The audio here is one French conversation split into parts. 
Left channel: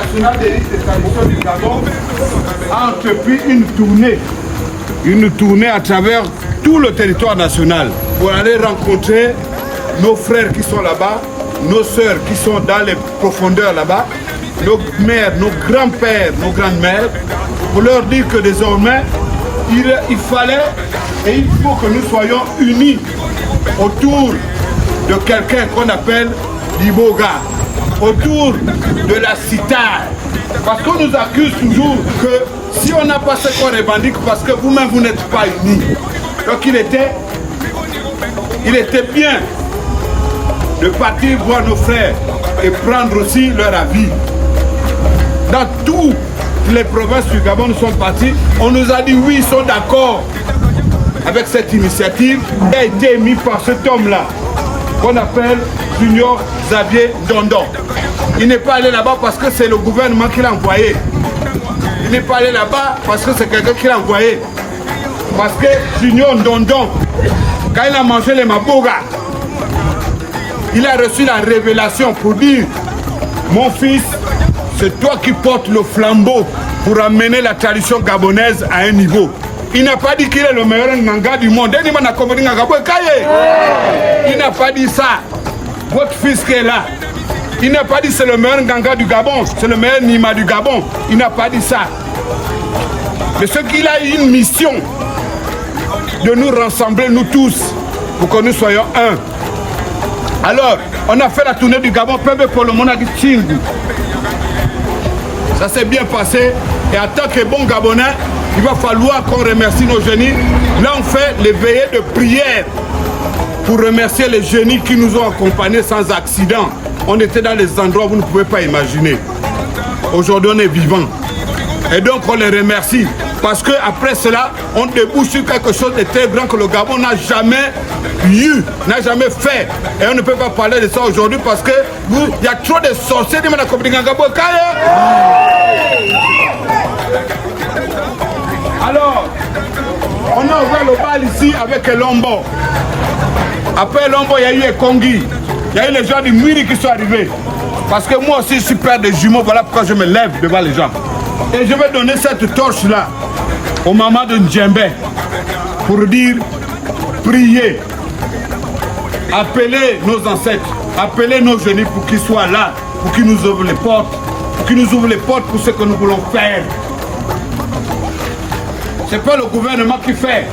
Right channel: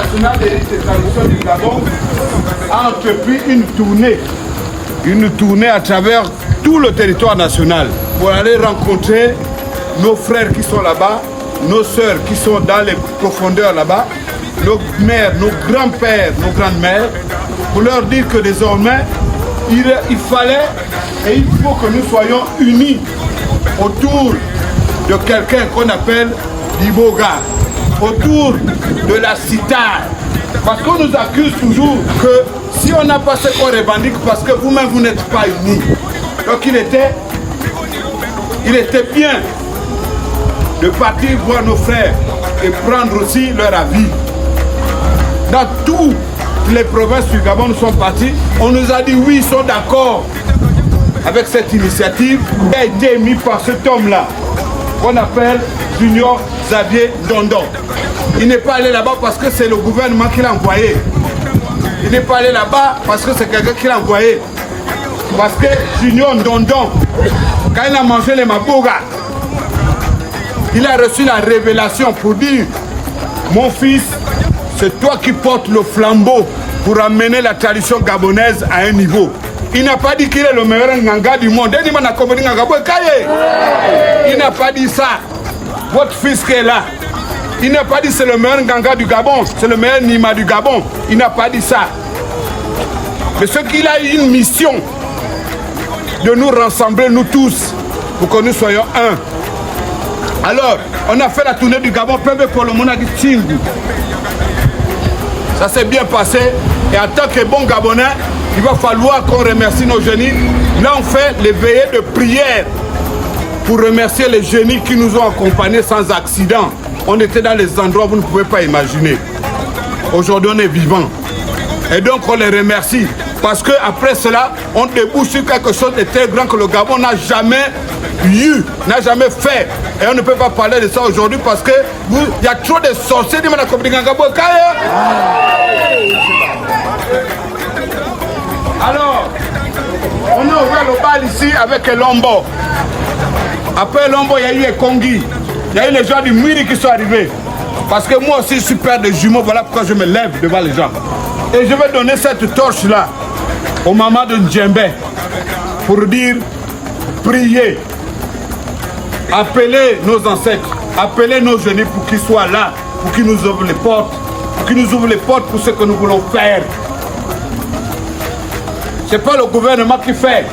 national des rites et traditions du Gabon a entrepris une tournée à travers tout le territoire national pour aller rencontrer nos frères qui sont là-bas, nos sœurs qui sont dans les profondeurs là-bas, nos mères, nos grands-pères, nos grandes-mères, pour leur dire que désormais, il fallait et il faut que nous soyons unis autour de quelqu'un qu'on appelle l'Iboga, autour de la citare. Parce qu'on nous accuse toujours que si on n'a pas ce qu'on revendique, parce que vous-même vous n'êtes pas unis. Donc il était bien de partir voir nos frères et prendre aussi leur avis. Dans toutes les provinces du Gabon, nous sommes partis. On nous a dit oui, ils sont d'accord avec cette initiative qui a été émise par cet homme-là, qu'on appelle Junior Xavier Ndondon. Il n'est pas allé là-bas parce que c'est le gouvernement qui l'a envoyé. Il n'est pas allé là-bas parce que c'est quelqu'un qui l'a envoyé. Parce que Junior Ndondon, quand il a mangé les maboga, il a reçu la révélation pour dire: mon fils, c'est toi qui portes le flambeau pour amener la tradition gabonaise à un niveau. Il n'a pas dit qu'il est le meilleur nganga du monde. Il n'a pas dit ça. Votre fils qui est là. Il n'a pas dit c'est le meilleur nganga du Gabon, c'est le meilleur Nima du Gabon. Il n'a pas dit ça. Mais c'est qu'il a une mission de nous rassembler, nous tous, pour que nous soyons un. Alors, on a fait la tournée du Gabon, pour le monde a dit Tchingu. Ça s'est bien passé. Et en tant que bon Gabonais, il va falloir qu'on remercie nos génies. Là, on fait les veillées de prière pour remercier les génies qui nous ont accompagnés sans accident. On était dans les endroits où vous ne pouvez pas imaginer. Aujourd'hui, on est vivant. Et donc, on les remercie. Parce qu'après cela, on débouche sur quelque chose de très grand que le Gabon n'a jamais eu, n'a jamais fait. Et on ne peut pas parler de ça aujourd'hui parce que il y a trop de sorciers. Alors, on a ouvert le bal ici avec Lombo. Après Lombo, il y a eu Kongi. Il y a eu les gens du Miri qui sont arrivés. Parce que moi aussi, je suis père de jumeaux. Voilà pourquoi je me lève devant les gens. Et je vais donner cette torche-là au maman de Ndjembe pour dire, priez, appelez nos ancêtres, appelez nos génies pour qu'ils soient là, pour qu'ils nous ouvrent les portes, pour ce que nous voulons faire. Ce n'est pas le gouvernement qui fait,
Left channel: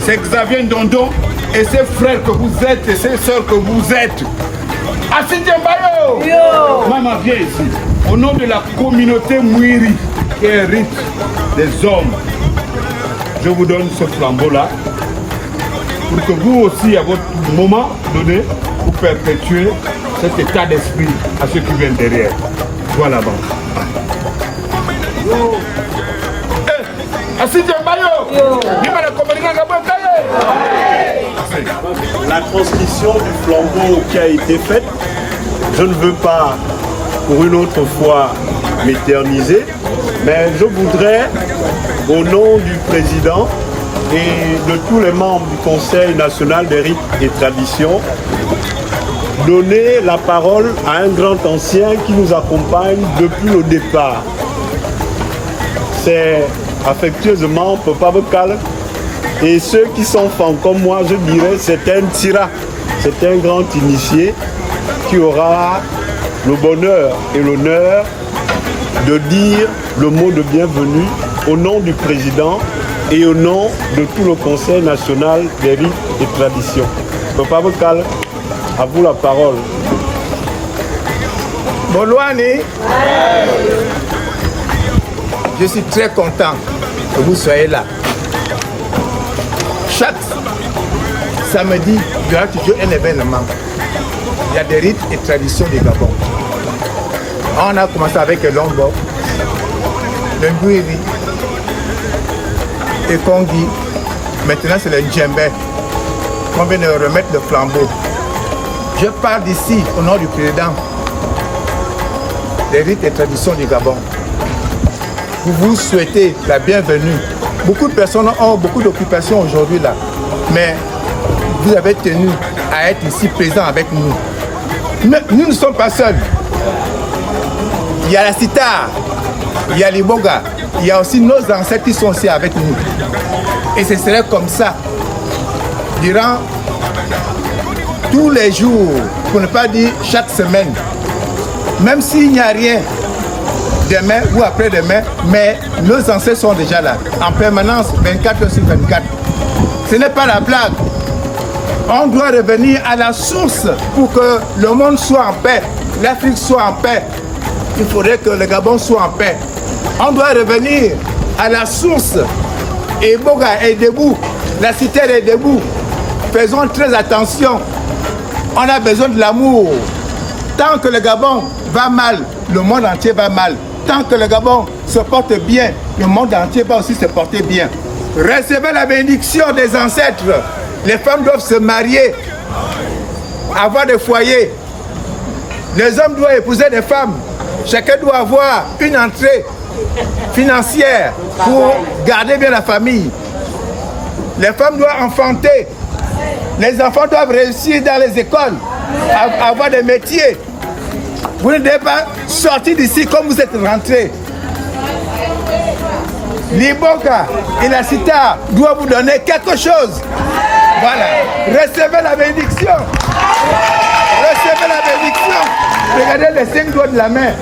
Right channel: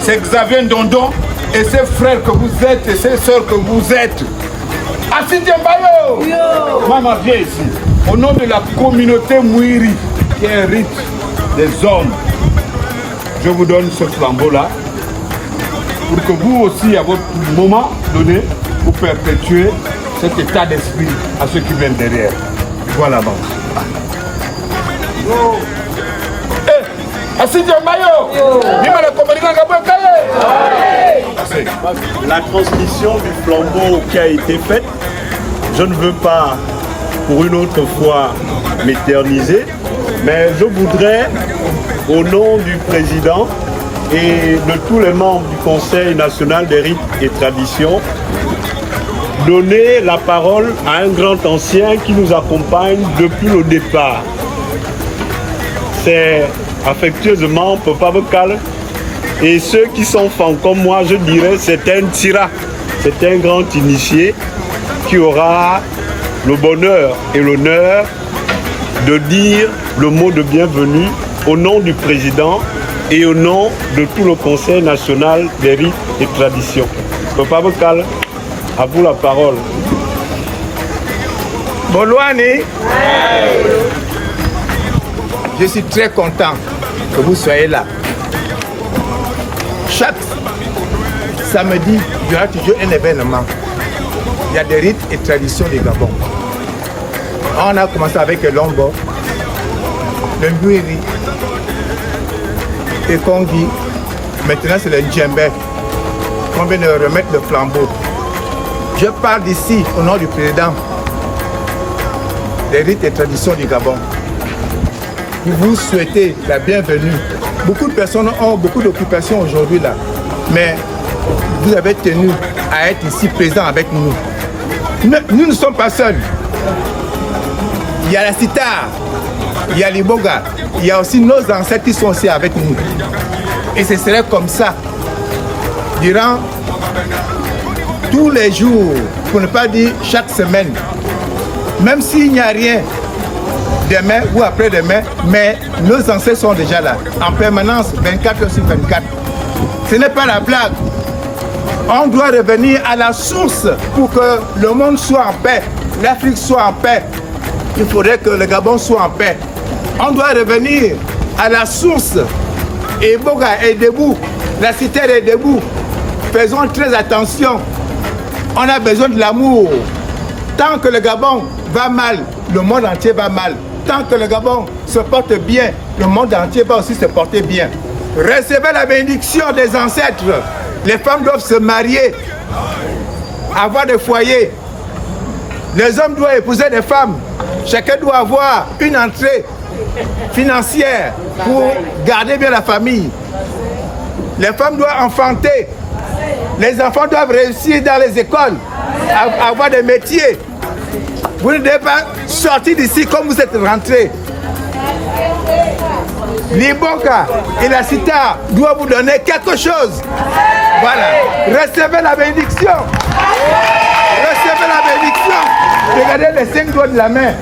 c'est Xavier Ndondon et ses frères que vous êtes et ses soeurs que vous êtes. Assis Djembayo! Maman, viens ici. Au nom de la communauté Mouiri, qui est un rite des hommes, je vous donne ce flambeau-là pour que vous aussi, à votre moment donné, vous perpétuez cet état d'esprit à ceux qui viennent derrière. Voilà, maman. La transmission du flambeau qui a été faite, je ne veux pas pour une autre fois m'éterniser, mais je voudrais, au nom du président et de tous les membres du Conseil national des rites et traditions, donner la parole à un grand ancien qui nous accompagne depuis le départ. C'est affectueusement Papa Bokal. Et ceux qui sont fans comme moi, je dirais, c'est un tira, c'est un grand initié qui aura le bonheur et l'honneur de dire le mot de bienvenue au nom du président et au nom de tout le Conseil national des rites et traditions. Papa Bokal, à vous la parole. Bolouani, je suis très content que vous soyez là. Chaque samedi, il y aura toujours un événement. Il y a des rites et traditions du Gabon. On a commencé avec le Lombo, le Mbuiri et Kongi. Maintenant, c'est le Ndjembe qu'on vient de remettre le flambeau. Je parle d'ici au nom du président des rites et traditions du Gabon. Vous vous souhaitez la bienvenue. Beaucoup de personnes ont beaucoup d'occupations aujourd'hui là, mais vous avez tenu à être ici présent avec nous. Nous ne sommes pas seuls. il y a la Sita, il y a les Boga, il y a aussi nos ancêtres qui sont aussi avec nous. Et ce serait comme ça, durant tous les jours, pour ne pas dire chaque semaine, même s'il n'y a rien demain ou après-demain, mais nos ancêtres sont déjà là, en permanence, 24 heures sur 24. Ce n'est pas la blague. On doit revenir à la source pour que le monde soit en paix, l'Afrique soit en paix. Il faudrait que le Gabon soit en paix. On doit revenir à la source. Et Boga est debout, la cité est debout. Faisons très attention. On a besoin de l'amour. Tant que le Gabon va mal, le monde entier va mal. Tant que le Gabon se porte bien, le monde entier va aussi se porter bien. Recevez la bénédiction des ancêtres. Les femmes doivent se marier, avoir des foyers. Les hommes doivent épouser des femmes. Chacun doit avoir une entrée financière pour garder bien la famille. Les femmes doivent enfanter. Les enfants doivent réussir dans les écoles, avoir des métiers. Vous ne devez pas sortir d'ici comme vous êtes rentrés. L'Iboka et la Sita doivent vous donner quelque chose. Voilà. Recevez la bénédiction. Recevez la bénédiction. Regardez les 5 doigts de la main.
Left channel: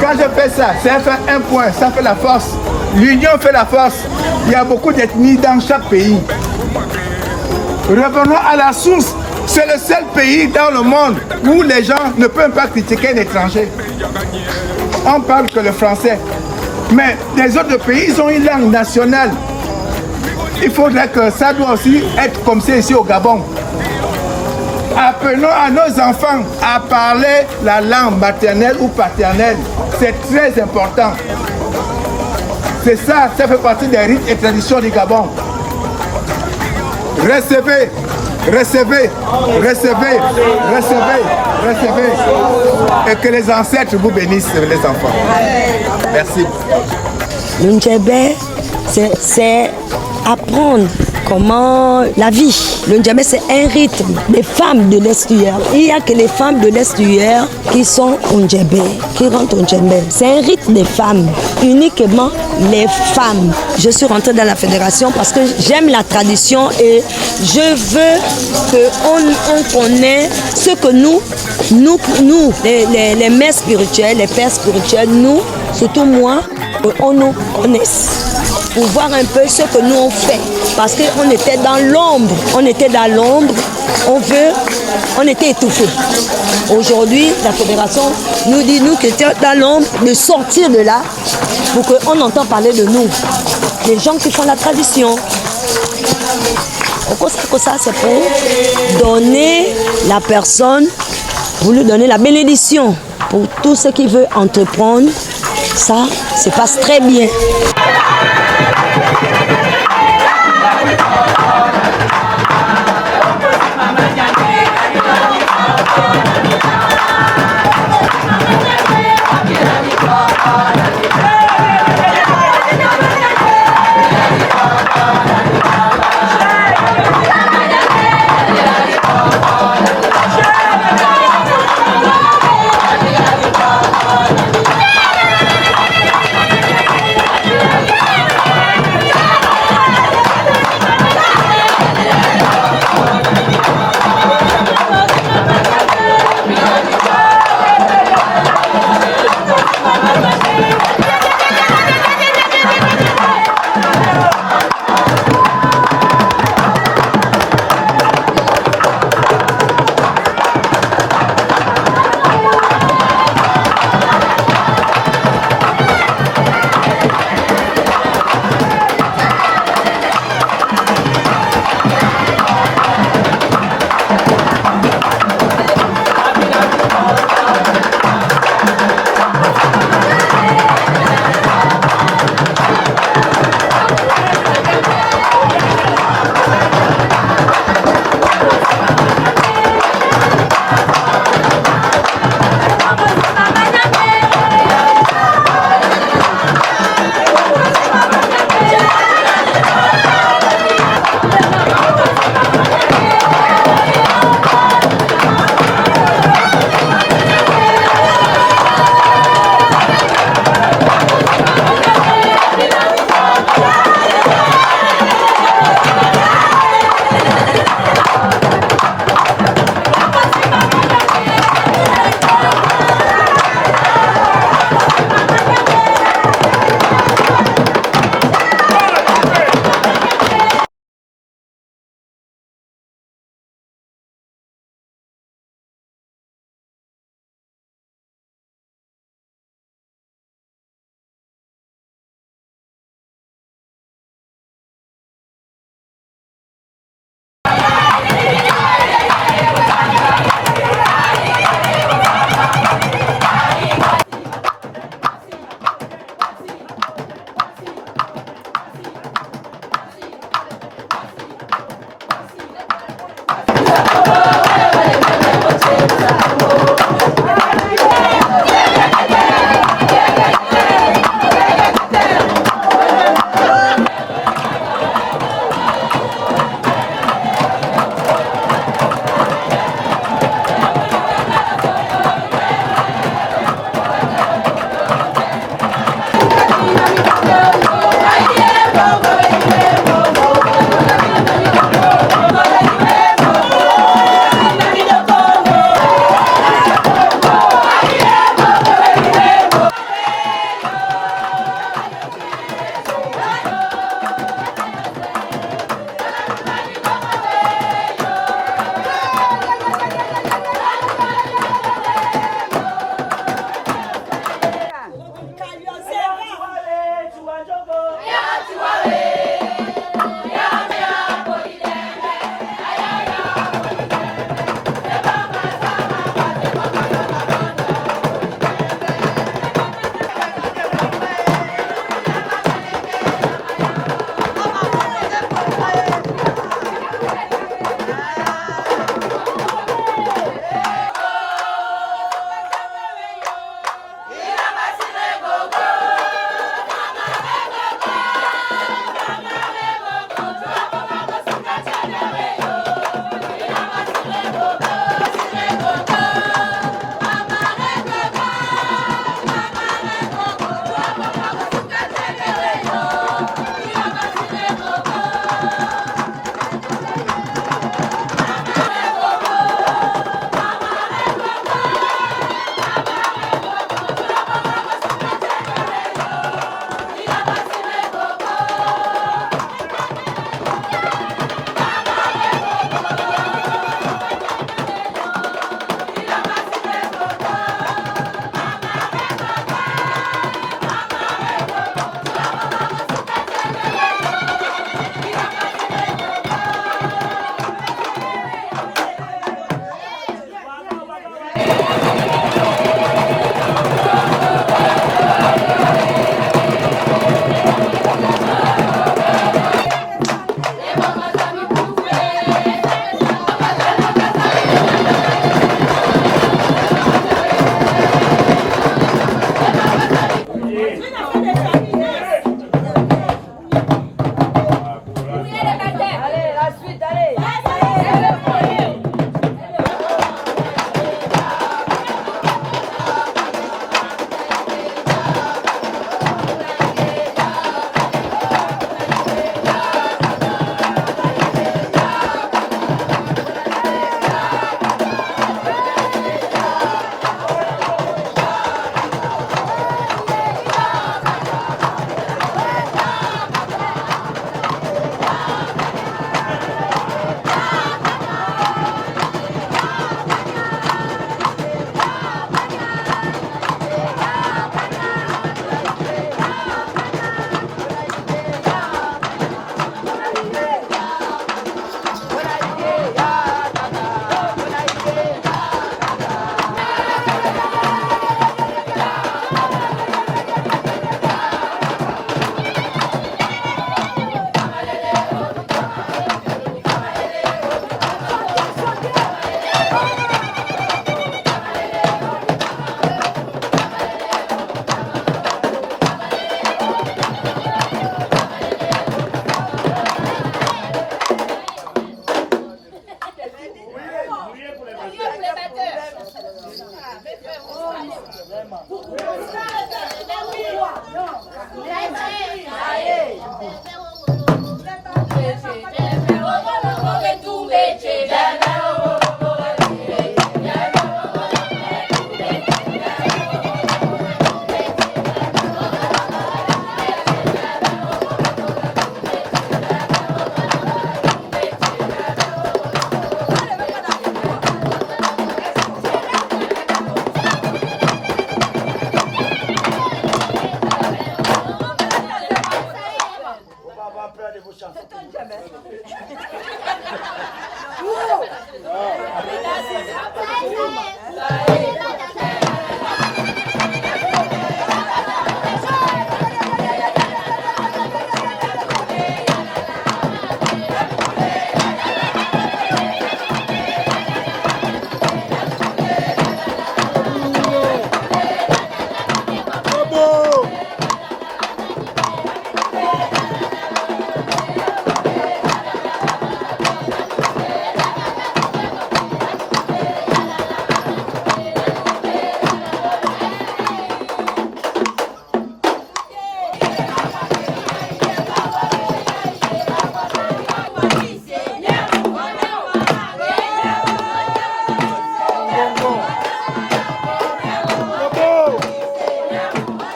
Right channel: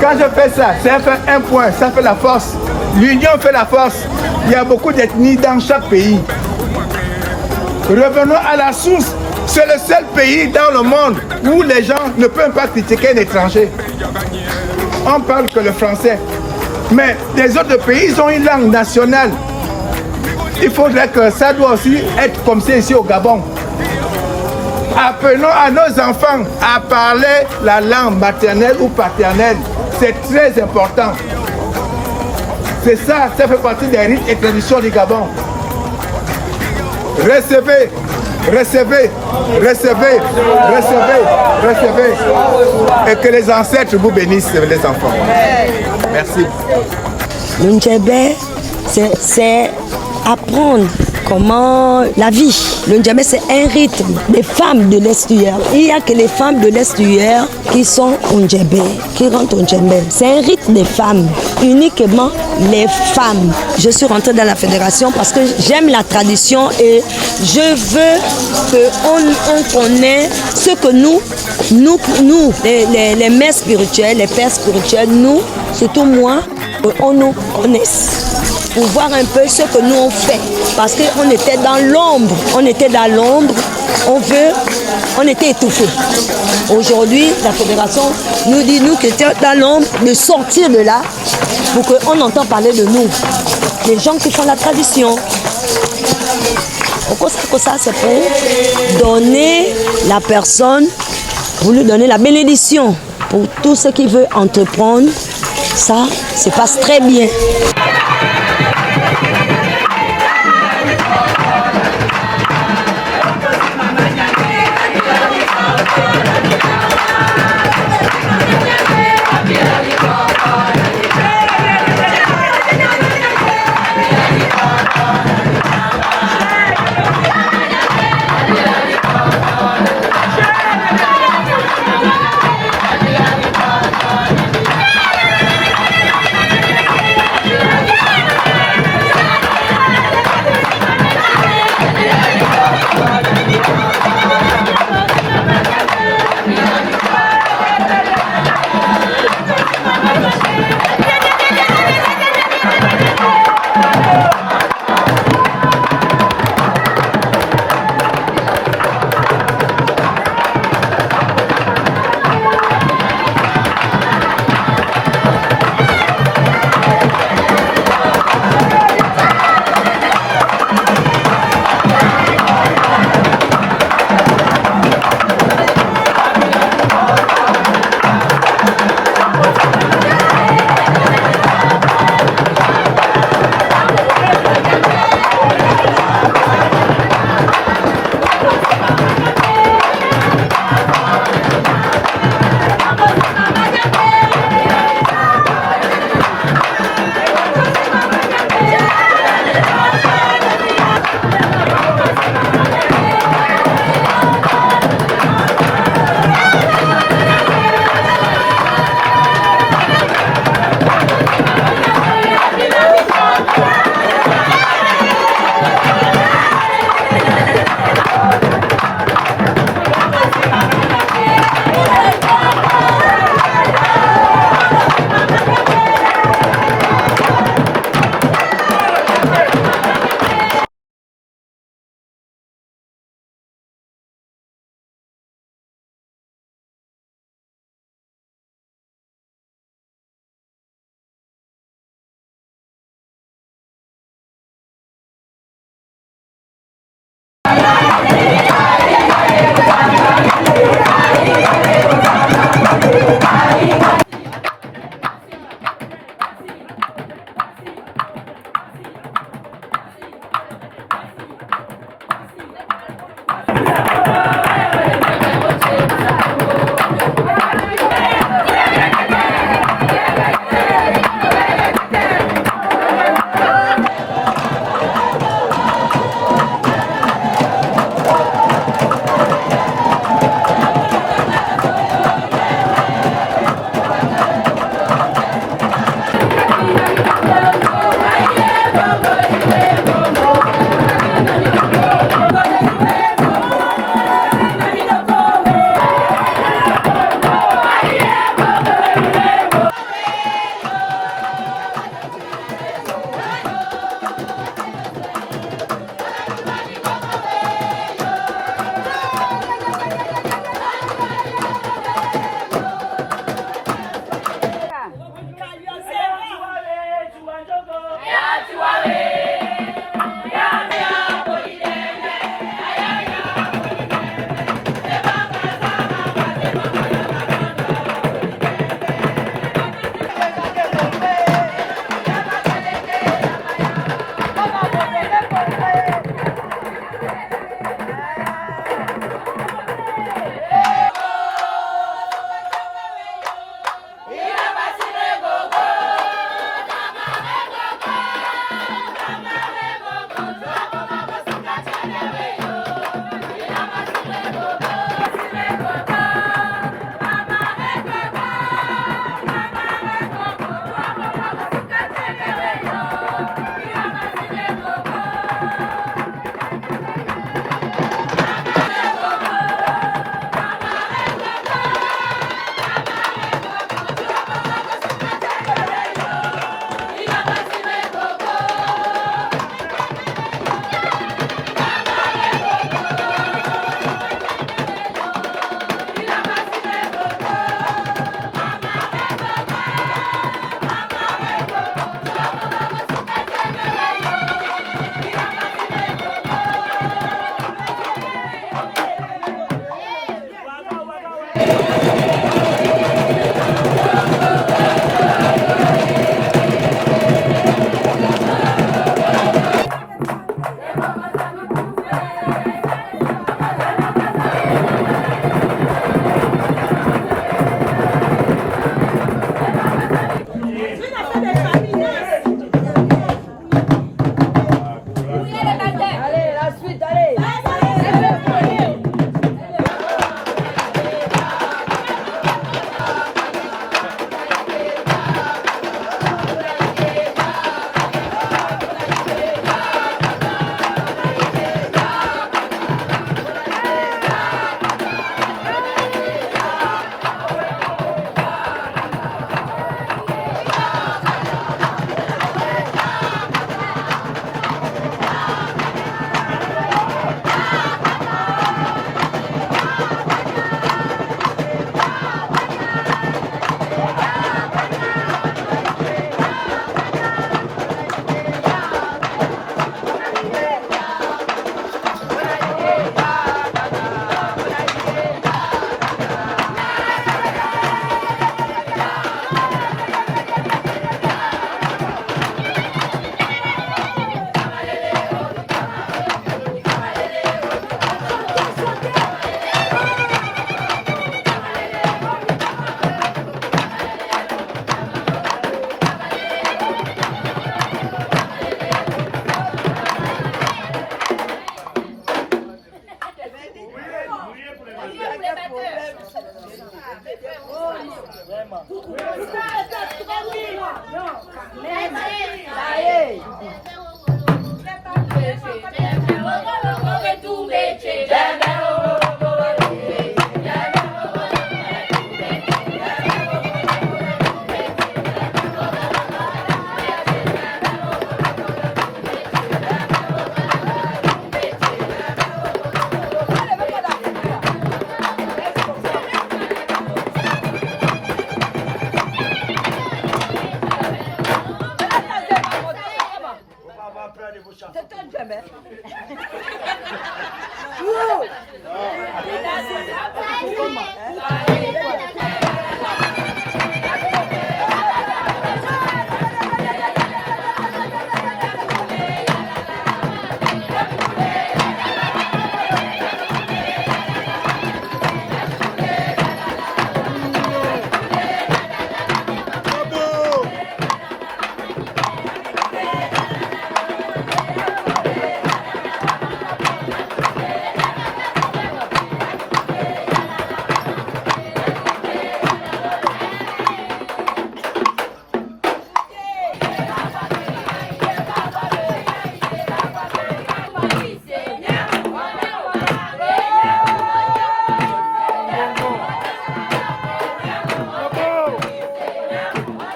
Quand je fais ça, ça fait un point, ça fait la force. L'union fait la force. Il y a beaucoup d'ethnies dans chaque pays. Revenons à la source. C'est le seul pays dans le monde où les gens ne peuvent pas critiquer un étranger. On parle que le français. Mais les autres pays, ils ont une langue nationale. Il faudrait que ça doit aussi être comme ça ici au Gabon. Apprenons à nos enfants à parler la langue maternelle ou paternelle. C'est très important. C'est ça, ça fait partie des rites et traditions du Gabon. Recevez, recevez, recevez, recevez, recevez. Et que les ancêtres vous bénissent, les enfants. Merci. Le Ndjébé, c'est apprendre comment la vie. Le Ndjébé, c'est un rythme des femmes de l'estuaire. Il n'y a que les femmes de l'estuaire qui sont au Ndjébé, qui rentrent au Ndjébé. C'est un rythme des femmes, uniquement les femmes. Je suis rentrée dans la fédération parce que j'aime la tradition et je veux qu'on connaisse ce que nous les mères spirituelles, les pères spirituels, nous, surtout moi, on nous connaisse. Pour voir un peu ce que nous on fait. Parce qu'on était dans l'ombre. On était dans l'ombre. On était étouffés. Aujourd'hui, la fédération nous dit, nous qui étions dans l'ombre, de sortir de là pour qu'on entende parler de nous. Les gens qui font la tradition. Ça, c'est pour donner la personne, pour lui donner la bénédiction. Pour tout ce qu'il veut entreprendre, ça se passe très bien. Thank you.